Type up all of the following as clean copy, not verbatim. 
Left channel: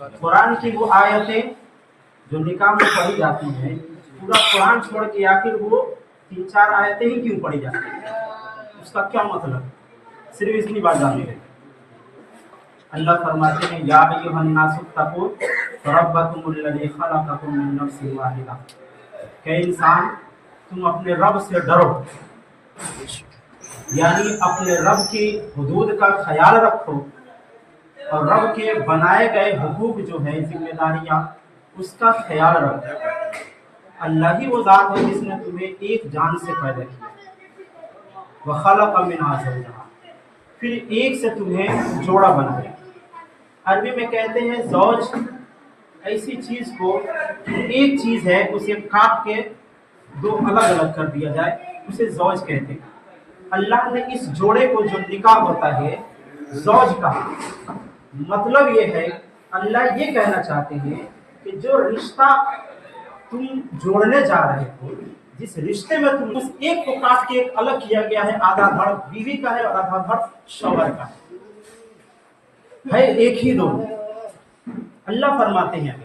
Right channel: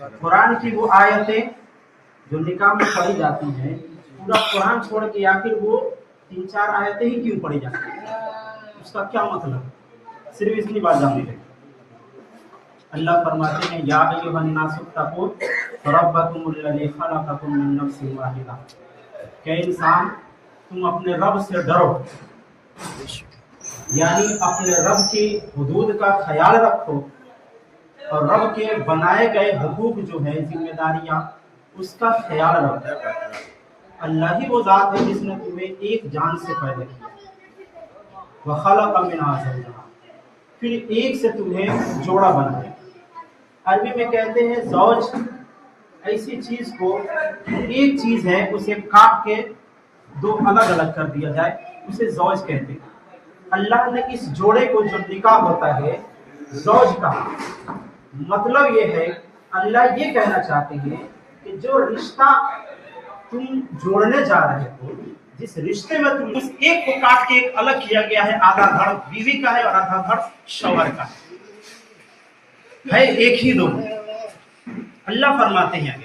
कुरान की वो आयतें जो निकाह में पढ़ी जाती हैं, पूरा कुरान छोड़ के आखिर वो 3-4 आयतें ही क्यों पढ़ी जाती हैं, उसका क्या मतलब? सिर्फ इतनी बात जाननी है। अल्लाह फरमाते हैं या अय्युहन्नासुत्तकू रब्बकुमुल्लज़ी खलक़कुम मिन नफ्सिन वाहिदा, कि इंसान तुम अपने रब से डरो, यानी अपने रब की हुदूद का ख्याल रखो और रब के बनाए गए हुकूक जो है, जिम्मेदारियां, उसका ख्याल रखो। अल्लाह ही वो ज़ात है जिसने तुम्हें एक जान से पैदा किया, व खलक़ मिन्हा ज़ौजहा, फिर एक से तुम्हें जोड़ा बनाया। अरबी में कहते हैं ज़ौज ऐसी चीज को, एक चीज है उसे काट के दो अलग अलग कर दिया जाए, उसे ज़ौज कहते हैं। अल्लाह ने इस जोड़े को, जो निकाह होता है, ज़ौज कहा। मतलब ये है, अल्लाह ये कहना चाहते हैं कि जो रिश्ता तुम जोड़ने जा रहे हो, जिस रिश्ते में तुम, उस एक को काट के एक अलग किया गया है, आधा धड़ बीवी का है और आधा धड़ शौहर का है, एक ही दोनों। अल्लाह फरमाते हैं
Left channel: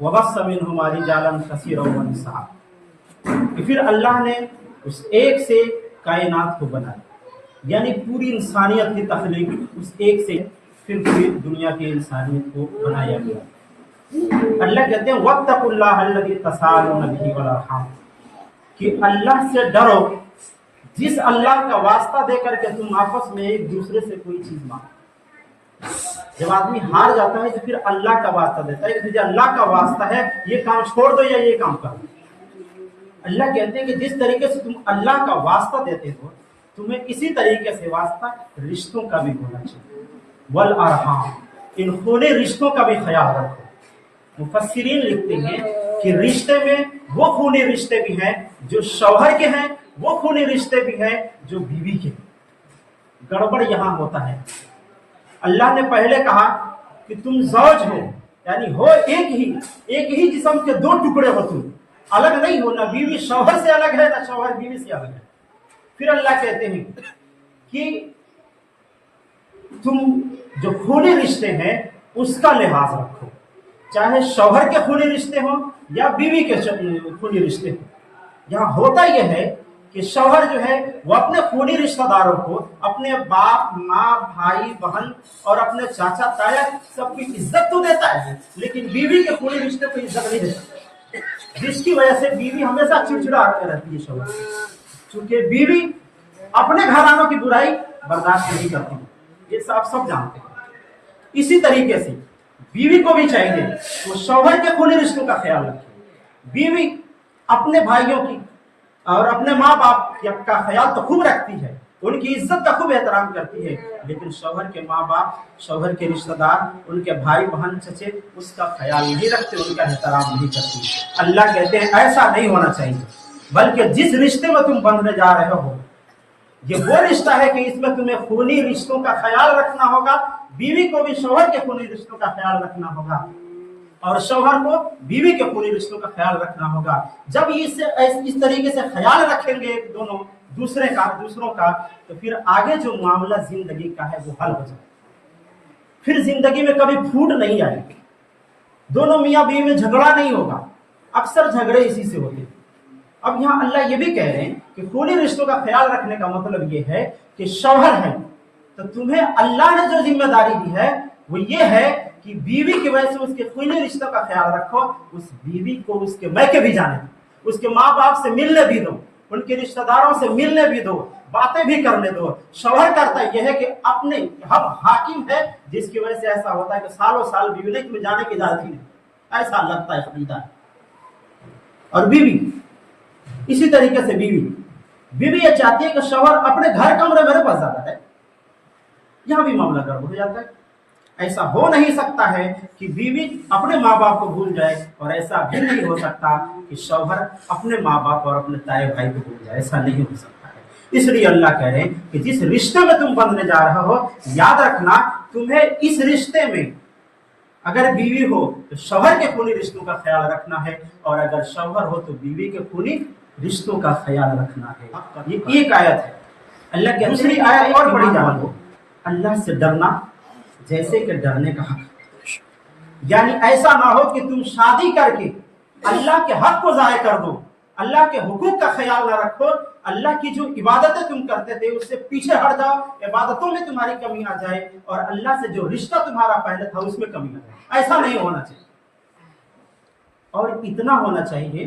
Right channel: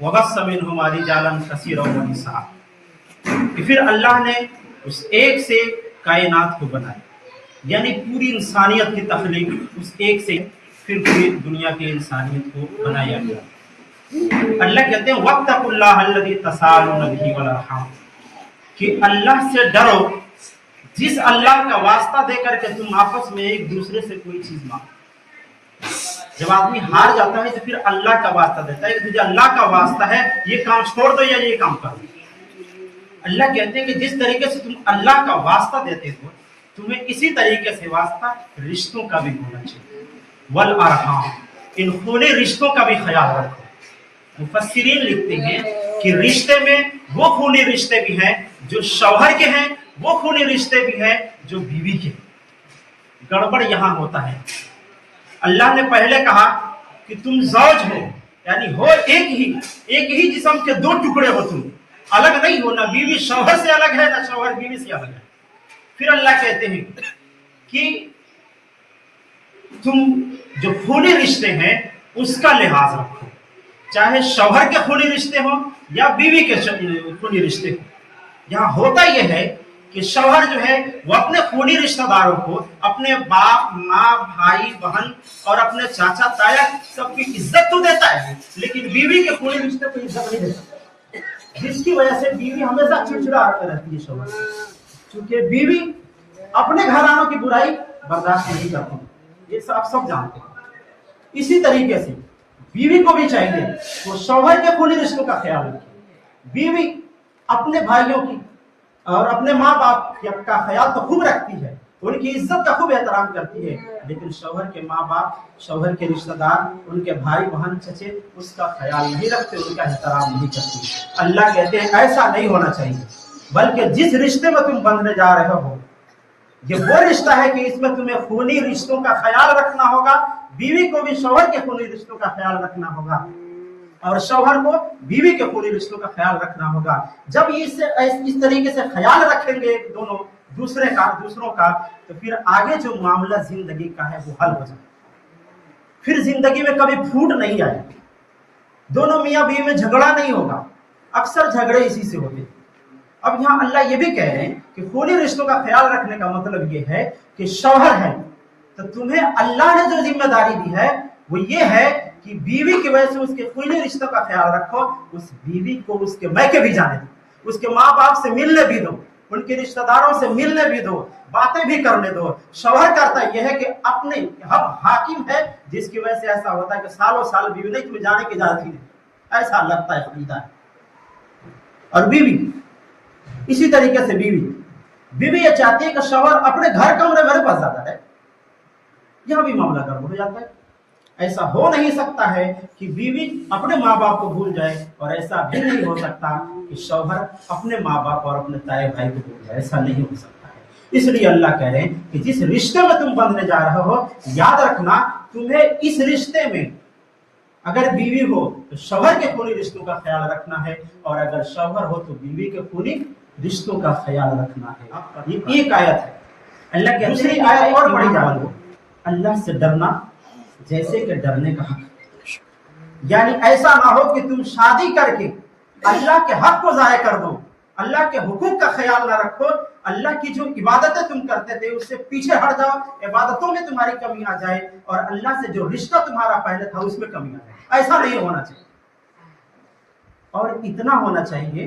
वबस्स मिनहुमा रिजालन कसीरन व निसा, फिर अल्लाह ने उस एक से कायनात को बनाया, यानी पूरी इंसानियत की तख्लीक उस एक से, फिर पूरी दुनिया की इंसानियत को बनाया गया। अल्लाह कहते हैं वत्तकुल्लाह अल्लज़ी तसालून बिही वल अरहाम, कि अल्लाह से डरो जिस अल्लाह का वास्ता देकर के तुम आपस में एक दूसरे से कोई चीज मांगो। जब आदमी हार जाता है तो फिर अल्लाह का वास्ता देता है, मुझे अल्लाह का वास्ता है, ये काम छोड़ दो या ये काम करो। अल्लाह कहते हैं कि जिस तरीके से तुम अल्लाह का वास्ता देते हो, तुम्हें इसी तरीके से वास्ता रिश्तों का भी होना चाहिए। वल अरहाम, इन खूनी रिश्तों का भी ख्याल रखो। मुफस्सिरीन लिखते हैं कि रिश्ते में वो खूनी रिश्ते भी हैं जो शौहर के हैं, वो खूनी रिश्ते भी हैं जो बीवी के। गड़बड़ यहां होता है। अल्लाह ने पहले कहा कि तुम ज़ौज हो, यानी हो एक ही जिस्म के दो टुकड़े हो, तुम अलग नहीं हो, ना बीवी शौहर से अलग है, ना शौहर बीवी से अलग है। फिर अल्लाह कहते हैं कि तुम जो खूनी रिश्ते हैं उसका लिहाज रखो, चाहे शौहर के खूनी रिश्ते हो या बीवी के खूनी रिश्ते हो। यहाँ होता यह है कि शौहर जो है वो अपने खूनी रिश्तेदारों को, अपने बाप, माँ, भाई, बहन और अपने चाचा ताया सबकी इज्जत तो देता है, लेकिन बीवी के खूनी रिश्ते को इज्जत नहीं देता, जिसकी वजह से बीवी हमेशा चिड़चिड़ा रहती है शौहर, क्योंकि बीवी अपने घरानों की बुराई बर्दाश्त नहीं करती, ये सब जानते हैं। इसी तरीके से बीवी को भी चाहिए वो शौहर के खूनी रिश्तों का ख्याल रखे। बीवी अपने भाइयों की और अपने माँ बाप का ख्याल तो खूब रखती है, उनकी इज्जत का खूब एहतराम करती है, लेकिन शौहर के माँ बाप, शौहर के रिश्तेदार, उनके भाई बहन चचे उसका ख्याल नहीं रखते, उनका एहतराम नहीं करती। अल्लाह कहते हैं ऐसा नहीं होना चाहिए, बल्कि जिस रिश्ते में तुम बंधने जा रहे हो, ये वो रिश्ता है कि इसमें तुम्हें खूनी रिश्तों का ख्याल रखना होगा। बीवी को भी शौहर के खूनी रिश्तों का ख्याल रखना होगा और शौहर को बीवी के खूनी रिश्तों का ख्याल रखना होगा। जब इस तरीके से ख्याल रखेंगे दोनों दूसरों का, तो फिर आगे जो मामला जिंदगी का है वो हल हो जाए, फिर जिंदगी में कभी फूट नहीं आएगी, दोनों मियाँ बीवी में झगड़ा नहीं होगा। अक्सर झगड़े इसी से होते हैं। अब यहाँ अल्लाह ये भी कह रहे हैं कि खूनी रिश्तों का ख्याल रखने का मतलब ये है कि शौहर है तो तुम्हें अल्लाह ने जो जिम्मेदारी दी है वो ये है कि बीवी की वजह से उसके खूनी रिश्तों का ख्याल रखो। उस बीवी को उसके मैके भी जाने दो, उसके माँ बाप से मिलने भी दो, उनके रिश्तेदारों से मिलने भी दो, बातें भी करने दो। शौहर करता यह है कि अपने हम हाकिम है, जिसकी वजह से ऐसा होता है कि सालों साल बीवी नहीं, तुम्हें जाने की इजाजत ही नहीं, ऐसा लगता है खरीदा है। और बीवी इसी तरीके से बीवी ये चाहती है कि शौहर अपने घर कमरे मेरे पास ज्यादा है, यहां भी मामला गड़बड़ हो जाता है। ऐसा हो नहीं सकता है कि बीवी अपने माँ बाप को भूल जाए, और ऐसा भी नहीं हो सकता कि शौहर अपने माँ बाप और अपने ताए भाई को भूल जाए, ऐसा नहीं हो सकता है। इसलिए अल्लाह कह रहे हैं कि जिस रिश्ते में तुम बंधने जा रहे हो, याद रखना तुम्हें इस रिश्ते में अगर बीवी हो तो शौहर के खूनी रिश्तों का ख्याल रखना है, और अगर शौहर हो तो बीवी के खूनी रिश्तों का ख्याल रखना है। ये एक आयत है। अल्लाह की दूसरी आयत और पढ़ी जाओ, अल्लाह से डरना जैसे कि डरने का हक। यानी ऐसा ना हो कि तुम शादी करके अल्लाह के हक को ज़ाया कर दो, अल्लाह के हुकूक का ख्याल ना रखो, अल्लाह की जो इबादतें तुम करते थे उससे पीछे हट जाओ, इबादतों में तुम्हारी कमी आ जाए और अल्लाह से जो रिश्ता तुम्हारा पहले था उसमें कमी आ जाए। ऐसा नहीं होना चाहिए। और इतना होना चाहिए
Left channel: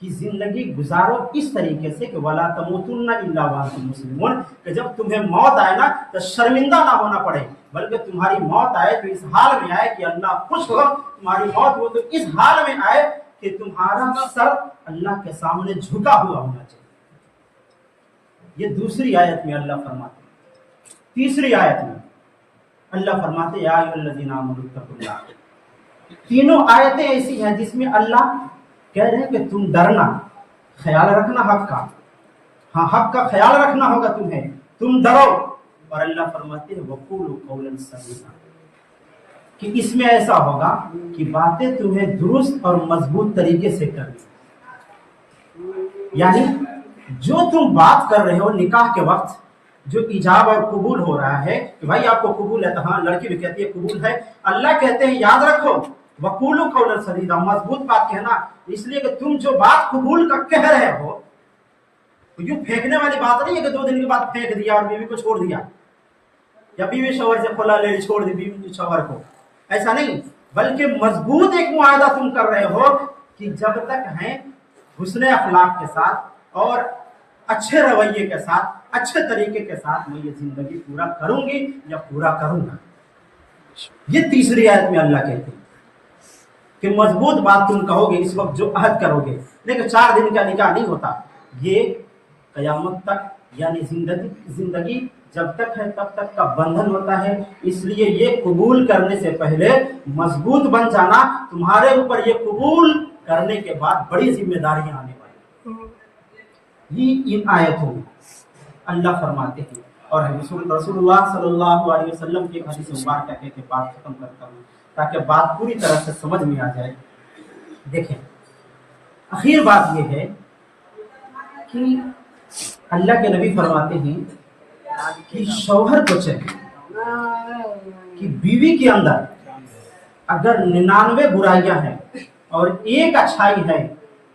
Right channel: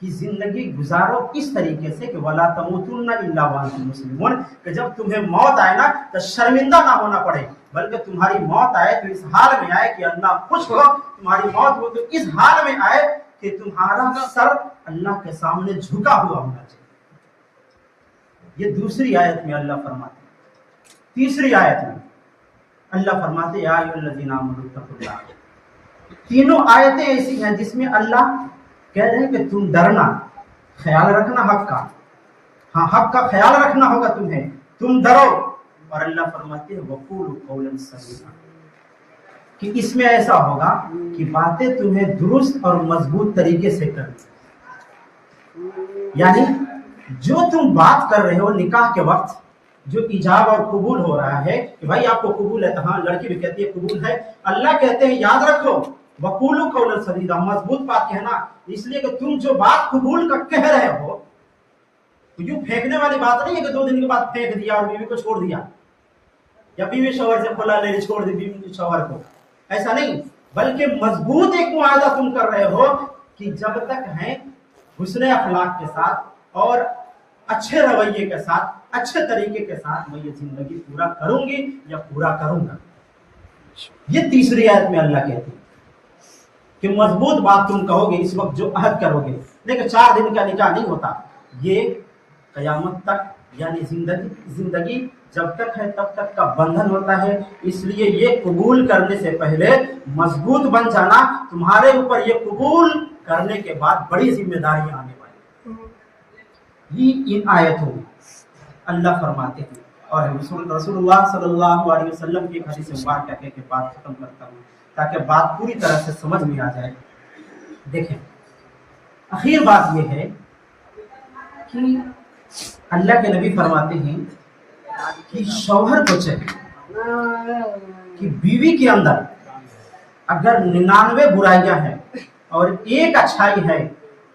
कि जिंदगी गुजारो इस तरीके से कि वला तमूतुन्ना इल्ला व अंतुम मुस्लिमून, कि जब तुम्हें मौत आए ना तो शर्मिंदा ना होना पड़े, बल्कि तुम्हारी मौत आए तो इस हाल में आए कि अल्लाह खुश हो, तुम्हारी मौत हो तो इस हाल में आए कि तुम्हारा सर अल्लाह के सामने झुका हुआ होना चाहिए। ये दूसरी आयत में अल्लाह फरमाते। तीसरी आयत में अल्लाह फरमाते या अय्युहल्लज़ीना आमनू तक़ुल्लाह। तीनों आयतें ऐसी हैं जिसमें अल्लाह कह रहे हैं कि तुम डरना, ख्याल रखना हक का, हाँ हक का ख्याल रखना होगा तुम्हें, तुम डरो। और अल्लाह फरमाते हैं वक़ूलू क़ौलन सदीदा, कि इसमें ऐसा होगा कि बातें तुम्हें दुरुस्त और मजबूत तरीके से करनी। यानी जो तुम बात कर रहे हो निकाह के वक्त, जो इजाब और कबूल हो रहा है कि भाई आपको कबूल है, तो हाँ लड़की भी कहती है कबूल है, अल्लाह कहते हैं याद रखो वक़ूलू क़ौलन सदीदा, मजबूत बात कहना। इसलिए कि तुम जो बात कबूल का कह रहे हो तो यूं फेंकने वाली बात नहीं है कि 2 दिन के बाद फेंक दिया और बीवी को छोड़ दिया, या बीवी शौहर से खुला ले छोड़ दी बीवी शौहर को, ऐसा नहीं, बल्कि मजबूत एक मुआहदा तुम कर रहे हो कि जब तक है हुस्न अखलाक के साथ और अच्छे रवैये के साथ, अच्छे तरीके के साथ मैं ये जिंदगी पूरा करूंगी या पूरा करूंगा। ये तीसरी आयत में अल्लाह कहते हैं कि मजबूत बात तुम कहोगे इस वक्त जो अहद करोगे। देखो 4 दिन का निकाह नहीं होता, ये कयामत तक यानी जिंदगी जब तक है तब तक का बंधन होता है। इसलिए ये कबूल करने से पहले मजबूत बन जाना, तुम्हारे ऊपर ये कबूल करने के बाद बड़ी जिम्मेदारियां आने वाली। ये इन आयतों में अल्लाह फरमाते हैं। और रसूलुल्लाह सल्लल्लाहु अलैहि वसल्लम की हदीस मुबारक के बात खत्म करता हूँ ताकि बात पूरी तरह से समझ में आ जाए। देखें, आखिर बात यह है कि अल्लाह के नबी फरमाते हैं कि शौहर को चाहिए कि बीवी के अंदर अगर 99 बुराइयां हैं और एक अच्छाई है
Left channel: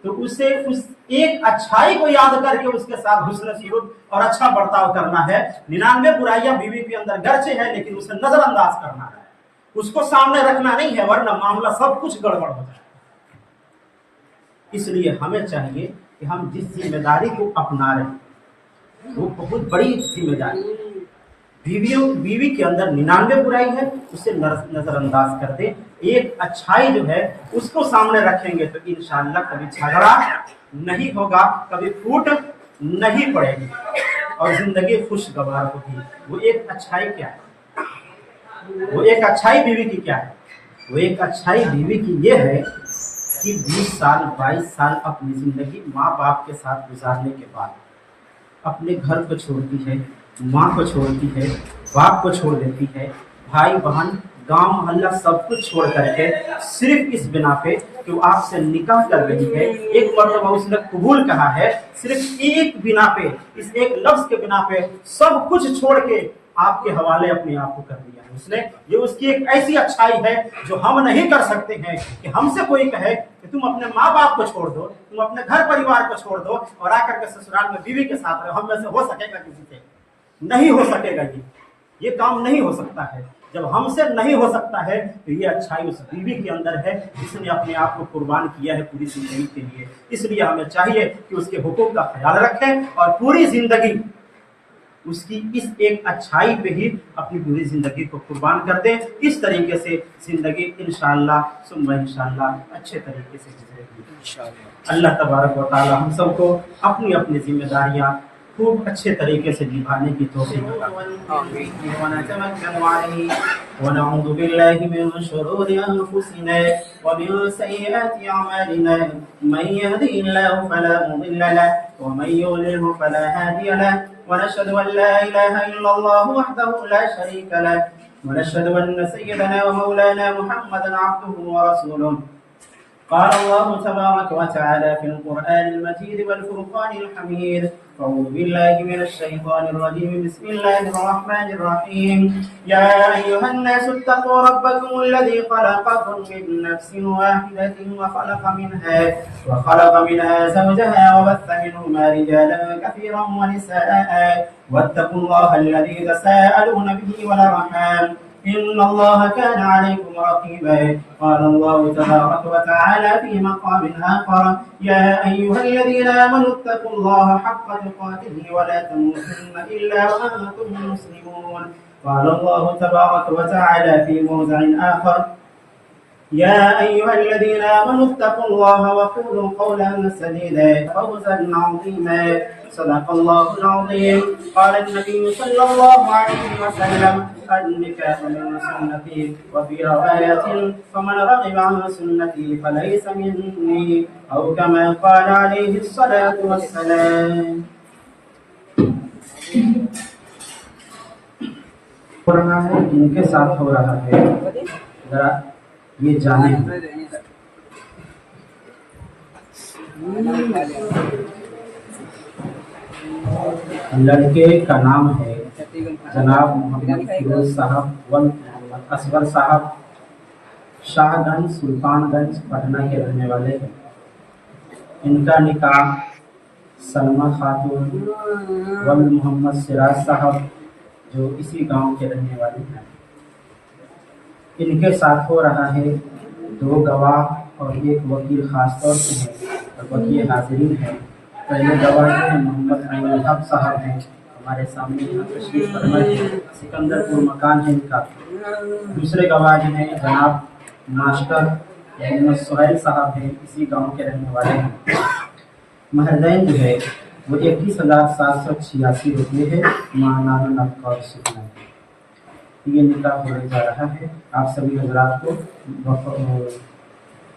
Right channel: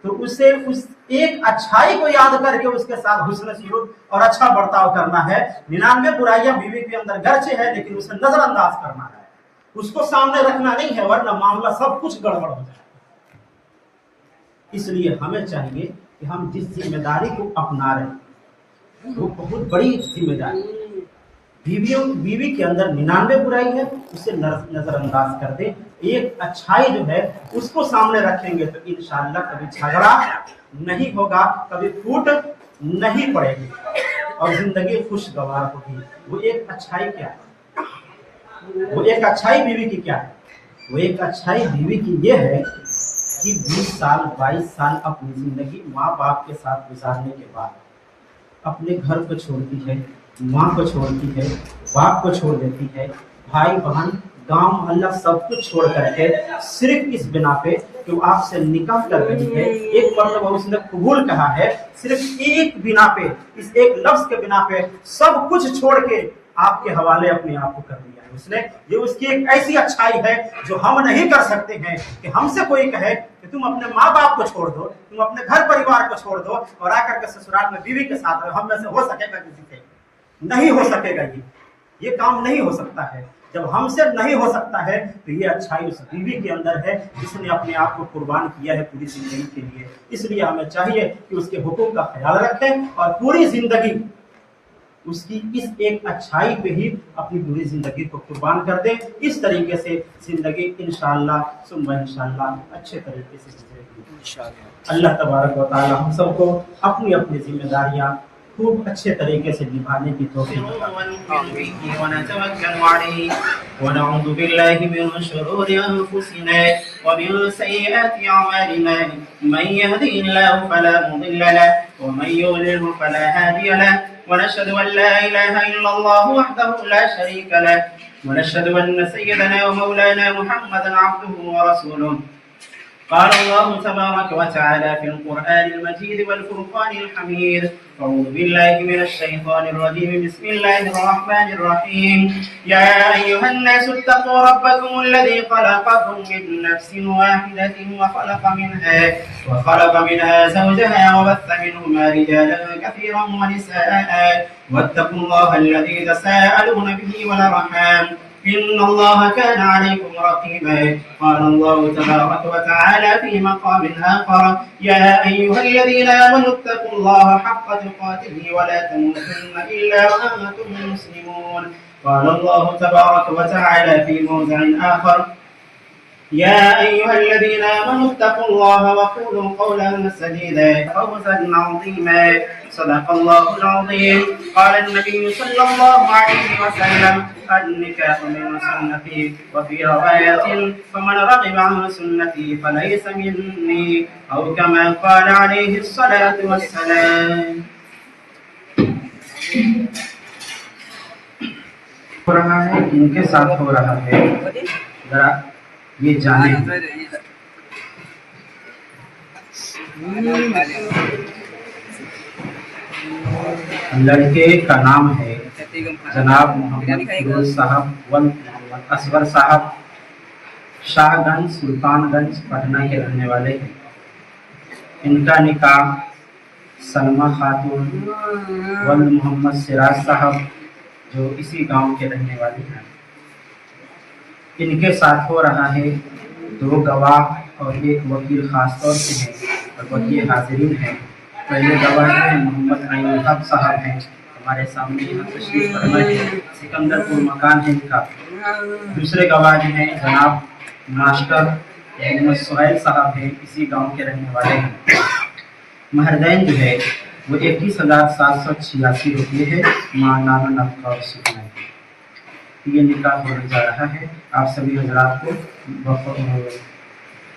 तो उसे उस एक अच्छाई को याद करके उसके साथ हुस्न सलूक और अच्छा बर्ताव करना है। 99 बुराइयां बीवी के अंदर गर्चे है लेकिन उसे नजरअंदाज करना है, उसको सामने रखना नहीं है, वरना मामला सब कुछ गड़बड़ हो जाए। इसलिए हमें चाहिए कि हम जिस जिम्मेदारी को अपना रहे हैं वो बहुत बड़ी जिम्मेदारी। बीवी के अंदर 99 बुराई है उसे नजरअंदाज कर दे, एक अच्छाई जो है उसको सामने रखेंगे तो इंशाअल्लाह कभी झगड़ा नहीं होगा, कभी फूट नहीं पड़ेगी और जिंदगी खुशगवार होगी। वो एक अच्छाई क्या है? वो एक अच्छाई बीवी की क्या है? वो एक अच्छाई बीवी की ये है कि 20 साल 22 साल अपनी जिंदगी माँ बाप के साथ गुजारने के बाद अपने घर को छोड़ती है, माँ को छोड़ती है, बाप को छोड़ देती है, भाई बहन गांव मोहल्ला सब कुछ छोड़ करके सिर्फ इस बिना पे कि वो आपसे निकाह कर रही है, एक मर्तबा उसने कबूल कहा है, सिर्फ एक बिना पे, इस एक लफ्ज के बिना पे सब कुछ छोड़ के आपके हवाले अपने आप को कर दिया है उसने। ये उसकी एक ऐसी अच्छाई है जो हम नहीं कर सकते हैं कि हमसे कोई कहे कि तुम अपने माँ बाप को छोड़ दो, तुम अपने घर परिवार को छोड़ दो और आकर के ससुराल में बीवी के साथ रहो। हम में से हो सकेगा? किसी से नहीं हो सकेगा। ये काम नहीं हो सकता है। जब हमसे नहीं हो सकता है तो ये अच्छाई उस बीवी के अंदर है जिसने अपने आप को कुर्बान किया है पूरी जिंदगी के लिए। इसलिए हमें चाहिए कि उसके हुकूक का ख्याल रखें और पूरी जिंदगी उसकी इस एक अच्छाई पे ही अपनी पूरी जिंदगी को कुर्बान कर दें। इस तरीके से जिंदगी इंशाअल्लाह सुम्मा इंशाअल्लाह अच्छे तरीके से गुजरेगी। अल्लाह तबारक व तआला हम सबको अपनी अपनी जिम्मेदारियां खूब अच्छे तरीके से निभाने की तौफीक वनऊज़ु बिल्लाहि मिन शुरूरि अनफुसिना व मिन सय्यिआति अमालिना मन यहदिहिल्लाहु फला मुदिल्ल लहु व मन युद्लिल्हु फला हादिय लहु ونشهد أن لا إله إلا الله وحده لا شريك له ونشهد أن سيدنا ومولانا محمدا عبده ورسوله قال الله تبارك وتعالى في القرآن المجيد والفرقان الحميد: أعوذ بالله من الشيطان الرجيم. بسم الله الرحمن الرحيم. يا أيها الناس اتقوا ربكم الذي خلقكم من نفس واحدة وخلق منها زوجها وبث منهما رجالا كثيرا ونساء واتقوا الله الذي تساءلون به والأرحام إن الله كان عليكم رقيبا. قال الله تبارك وتعالى في مقام آخر: يا أيها الذين آمنوا اتقوا الله حق تقاته ولا تموتن إلا وأنتم مسلمون. قال الله تبارك وتعالى في موضع آخر: يا أيها الذين آمنوا اتقوا الله وقولوا قولا سديدا فوزا عظيما. صدق الله العظيم. قال النبي صلى الله عليه وسلم: النكاح من سنتي، وفي رواية: فمن رغب عن سنتي فليس مني، أو كما قال عليه الصلاة والسلام. हो रहा है, इनके साथ हो रहा है, जरा ये जाने। लड़के का नाम है जनाब मोहम्मद फिरोज साहब वल मोहम्मद असगर साहब, शाहगंज सुल्तानगंज पटना के रहने वाले हैं। इनका निकाह सलमा खातून वल मोहम्मद सिराज साहब, जो इसी गांव के रहने वाले हैं, इनके साथ हो रहा है। 2 गवाह और 1 वकील खास तौर से हैं और वकील हाजिरीन हैं। पहले गवाह हैं मोहम्मद आइनुल हक साहब हैं, हमारे सामने यहाँ तशरीफ फरमा है, सिकंदरपुर मकान है इनका। दूसरे गवाह हैं जनाब मास्टर मोहम्मद सुहैल साहब हैं, इसी गांव के रहने वाले हैं। महरदैन जो है वो 21,786 रुपये है, मानाना नफका और सुकना। ये निकाह होने जा रहा है। आप सभी हजरात को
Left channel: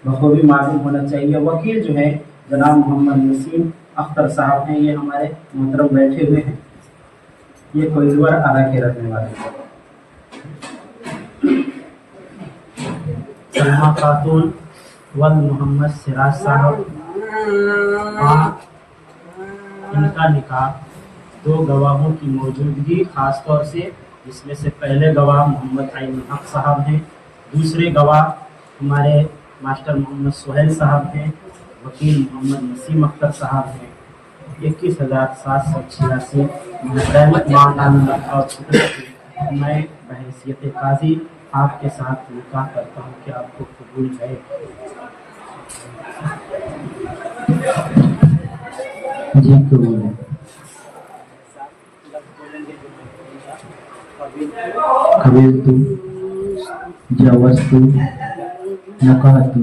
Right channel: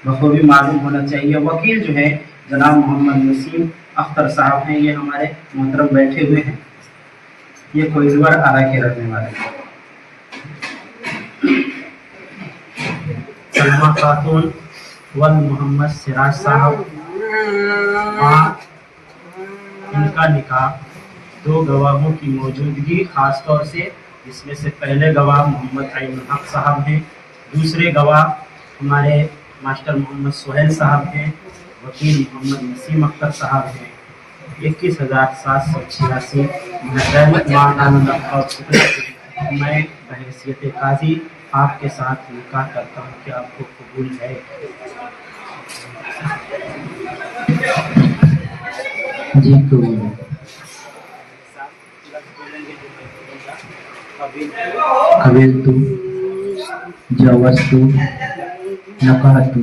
बखूबी मालूम होना चाहिए। वकील जो है जनाब मोहम्मद नसीम अख्तर साहब हैं, ये हमारे मोहतरम बैठे हुए हैं। ये कोइलवर आरा के रहने वाले हैं। सलमा खातून वल मोहम्मद सिराज साहब, इनका निकाह 2 गवाहों की मौजूदगी खास तौर से, जिसमें से पहले गवाह मोहम्मद आइनुल हक साहब हैं, दूसरे गवाह हमारे मास्टर मोहम्मद सुहैल साहब हैं, वकील मोहम्मद नसीम अख्तर साहब हैं। 21,786 मैं बहैसियत काजी आपके साथ निकाह करता हूँ कि आपको कबूल है। जी कबूल है। कबीलतु जवस्तु नकाहतु।